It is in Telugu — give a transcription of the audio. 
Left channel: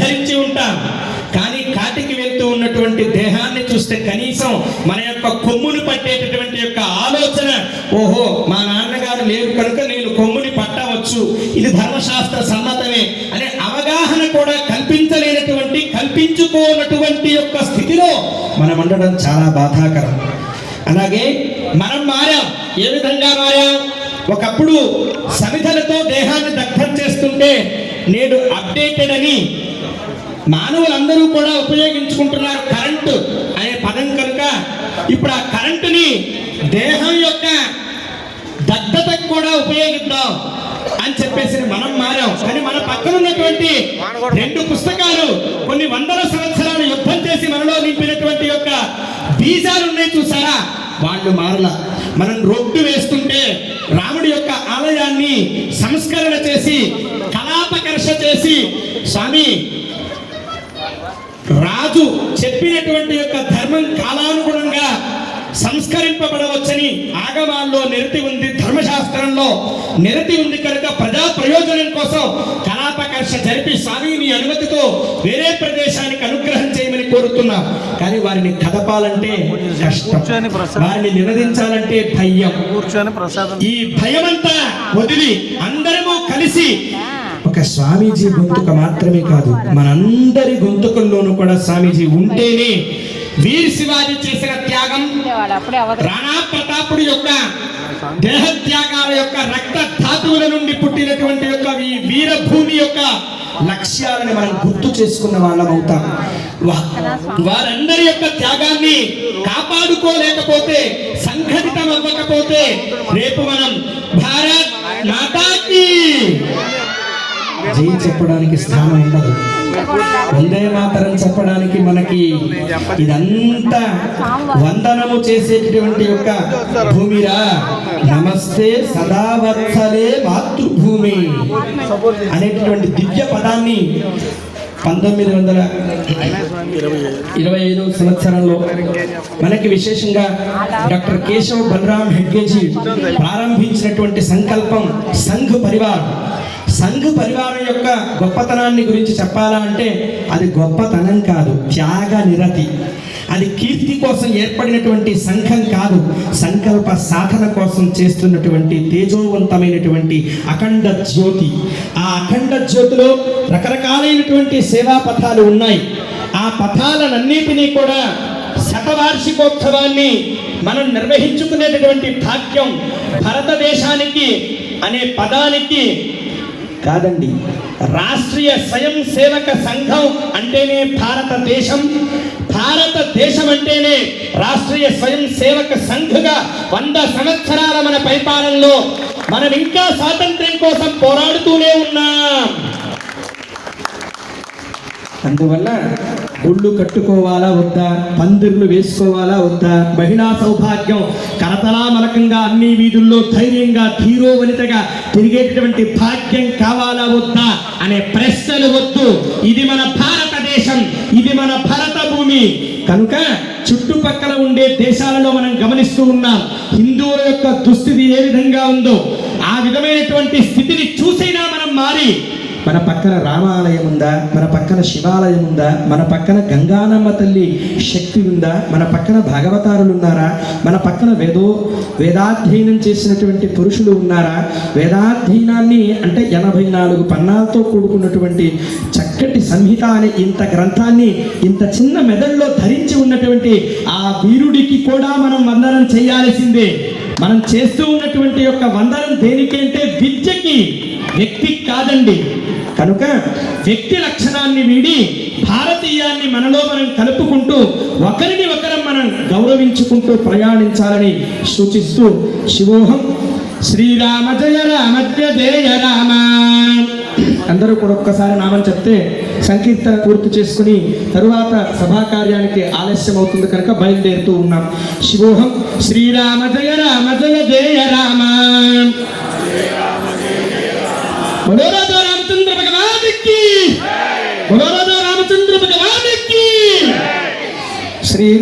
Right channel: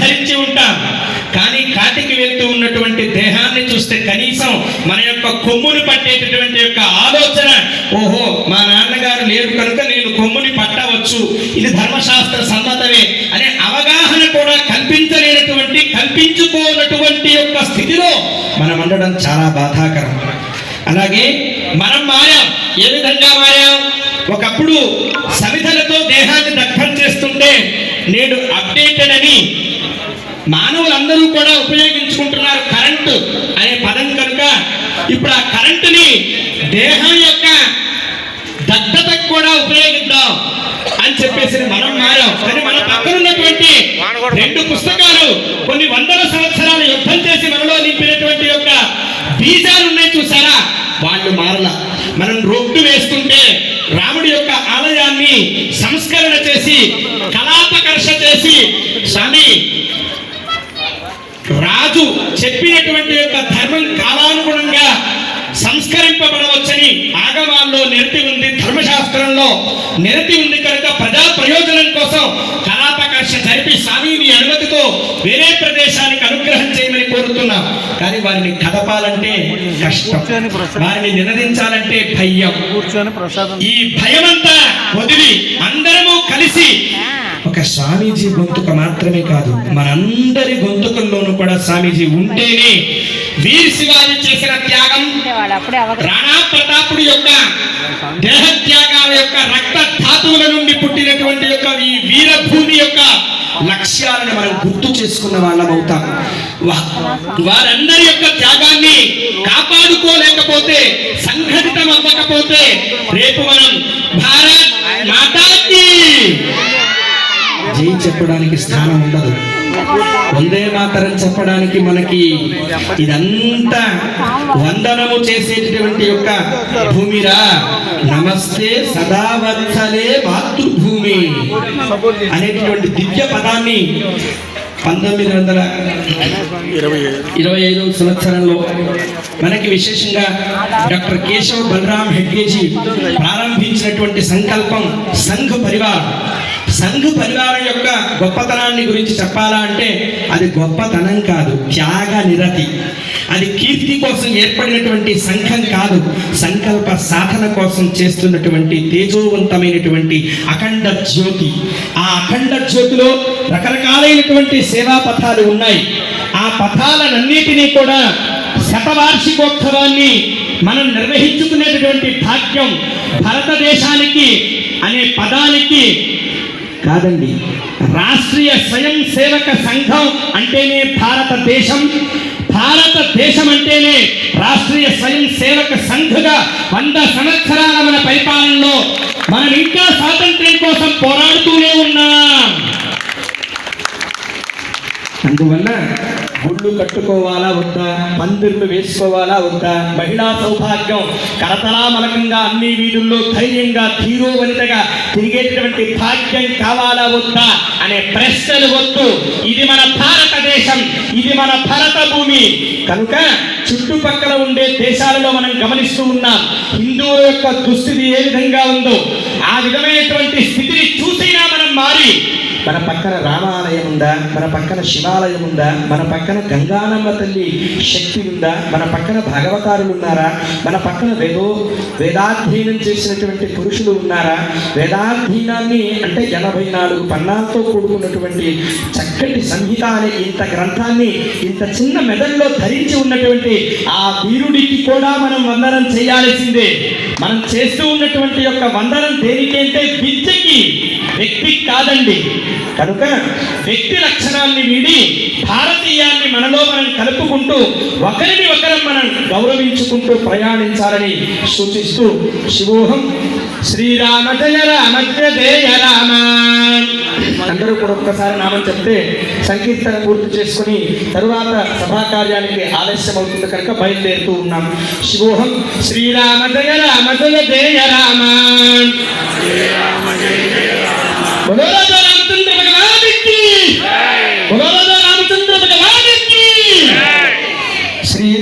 ధరించి ఉంటాం. కానీ కాటికి వెళ్తూ ఉన్నటువంటి దేహాన్ని చూస్తే కనీసం మన యొక్క కొమ్ముని పట్టేటటువంటి యొక్క ఆలోచన, ఓహో మా నాన్నగారు లేరు కనుక నేను కొమ్ముని పట్టవచ్చు, ఇది ధర్మశాస్త్ర సమ్మతమే అనే అవగాహన కూడా కల్పించుకోనటువంటి యొక్క స్థితిలో మనం ఉండడం చాలా బాధాకరం. అలాగే మనం మారాం. ఏ విధంగా మారాం? ఒకప్పుడు సమిధలతో దేహాన్ని దగ్ధం చేస్తుంటే నేడు అప్డేటెడ్ అని మానవులందరూ కూడా ఉపయోగించుకుంటున్నారు. కరెంటు అనే పదం కనుక ఇప్పుడు ఆ కరెంటుని దేహం యొక్క దగ్ధతకు కూడా ఉపయోగిద్దాం అని చెప్పేసి మనం మారాం. కానీ మన పక్కన ఉన్నటువంటి 2 పుస్తకాలు కొన్ని వందల సంవత్సరాలు యుద్ధం చేసి మనలో నింపినటువంటి యొక్క బీజాలు ఉన్నాయి చూసారా, వాళ్ళు మారల. మనం రోడ్డు వేస్తుంటే రాముడి యొక్క ఆలయాన్ని సంస్కరణ చేసి కళాపకర్ష చేసి స్వామి రాజు చెప్పినటువంటి యొక్క ధర్మం కాలానుగుణంగా సంస్కరింపబడవచ్చని ఆగమాల్లో నిరతి ఉంది, ధర్మశాస్త్రంలో నిరతి ఉంది కనుక ప్రజా ప్రయోజనం కోసం కళాపకర్ష జరిపి స్వామిని అనుమతితో వేరే ప్రదేశానికి అనుగ్రహం చేయమని కోరుతున్నాం. కానీ వారిని కదపాలంటే కష్టం, వారిని నినదించాలంటే భయం. ఈ భయమంతా వదిలి అందరము కలిసి ఒక స్వామీజీ గొంతుక మాత్రమే కాదు, మనందరి గొంతుకల్లోనూ కూడా స్వామీజీ ఉంటేనే వీర్ శివాజీ చేసిన త్యాగం, రాణా ప్రతాపుడి యొక్క దేహత్యాగాల యొక్క రక్త ధాతువుల నుండి పుట్టినటువంటి యొక్క ఈ వీరభూమి యొక్క లక్ష్యాలను మనం గుర్తు చేసుకున్న వాళ్ళం అవుతాం. వారందరి యొక్క త్యాగాన్ని కాపాడుకోలేకపోతే, సంఘటితం అవ్వకపోతే రేపు మనం భారత్ మాతాకి జై చెప్పడానికి స్థానం ఉండదు. వందే మాతరం చెప్పడానికి మనకి ఇదంతా వందనము చేసేటటువంటి యొక్క భూమిరా. నమస్తే సదావత్సలే మాతృభూమి అనేటటువంటి దివ్య పదాన్ని 1925 సంవత్సరంలో మనకి విశేషంగా డాక్టర్ కేశవ్ బలరామ్ హెడ్గేజీ ప్రారంభించినటువంటి సంకల్పం సంఘ్ పరివార్. సంఘ పరివారం యొక్క గొప్పతనాన్ని గురించి చెప్పాలా అంటే అది గొప్పతనం కాదు, త్యాగ నిరతి. అది కీర్తి కోసం ఏర్పడినటువంటి సంఘం కాదు, సంకల్ప సాధన కోసం చేస్తున్నటువంటి తేజోవంతమైనటువంటి అఖండ జ్యోతి. ఆ అఖండ జ్యోతిలో రకరకాలైనటువంటి సేవా పథాలు ఉన్నాయి. ఆ పథాలన్నిటినీ కూడా శతవార్షికోత్సవాన్ని మనం నిర్వహించుకునేటటువంటి భాగ్యం భారతదేశానికి అనే పదానికి కాదండి. రాష్ట్రీయ స్వయం సేవక సంఘం అంటేనే భారతదేశం, భారతదేశం అంటేనే రాష్ట్రీయ స్వయం సేవక సంఘగా 100 సంవత్సరాల మన పరిపాలనలో మనం ఇంకా స్వాతంత్ర్యం కోసం పోరాడుతూనే ఉన్నాం. అందువల్ల గుళ్ళు కట్టుకోవాలా వద్దా, పందిర్లు వేసుకోవాలా వద్దా, మహిళా సౌభాగ్యం కరతలామలకంగా అన్ని వీధుల్లో ధైర్యంగా ధీరోవనితగా తిరిగేటటువంటి భాగ్యం కావాలా వద్దా అనే ప్రశ్నలు వద్దు. ఇది మన భారతదేశం, ఇది మన భారత భూమి కనుక చుట్టుపక్కల ఉండే దేశాలలో మనం గమనిస్తూ ఉన్నాం. హిందువుల యొక్క దుస్థితి ఏ విధంగా ఉందో ఆ విధమైనటువంటి స్థితిని చూసినా మనం మారి, మన పక్కన రామాలయం ఉందా, మన పక్కన శివాలయం ఉందా, మన పక్కన గంగానమ్మ తల్లి శక్తి ఉందా, మన పక్కన భాగవతారులు ఉన్నారా, మన పక్కన వేదాధ్యయనం చేసినటువంటి పురుషులు ఉన్నారా, వేదాధ్యయనాన్ని అంటే 84 పన్నాలతో కూడుకున్నటువంటి చక్కటి సంహిత అనే ఇంత గ్రంథాన్ని ఇంత చిన్న మెదడులో ధరించి ఉన్నటువంటి ఆ వీరుడికి కూడా మనం వందనం చేయాల్సిందే. మనం చేస్తూ ఉన్నటువంటి యొక్క వందనం దేనికంటే విద్యకి, వ్యక్తికి కాదండి. కనుక వ్యక్తి లక్షణాన్ని వీడి భారతీయాన్ని మనలో మనం కలుపుకుంటూ ఒకరిని ఒకరం మనం గౌరవించుకుంటూ ప్రయాణించాలని సూచిస్తూ శివోహం శ్రీరామ జయ రామ జయ రామ. అందరూ కూడా ఒక్కసారి నామం చెప్తే సంకీర్తన పూర్తి చేసుకుని తరువాత సభా కార్యానికి ఆలస్యం అవుతుంది కనుక బయలుదేరుతూ ఉన్నాం. శివోహం శ్రీరామ జయ రామ జయ జయ రామ.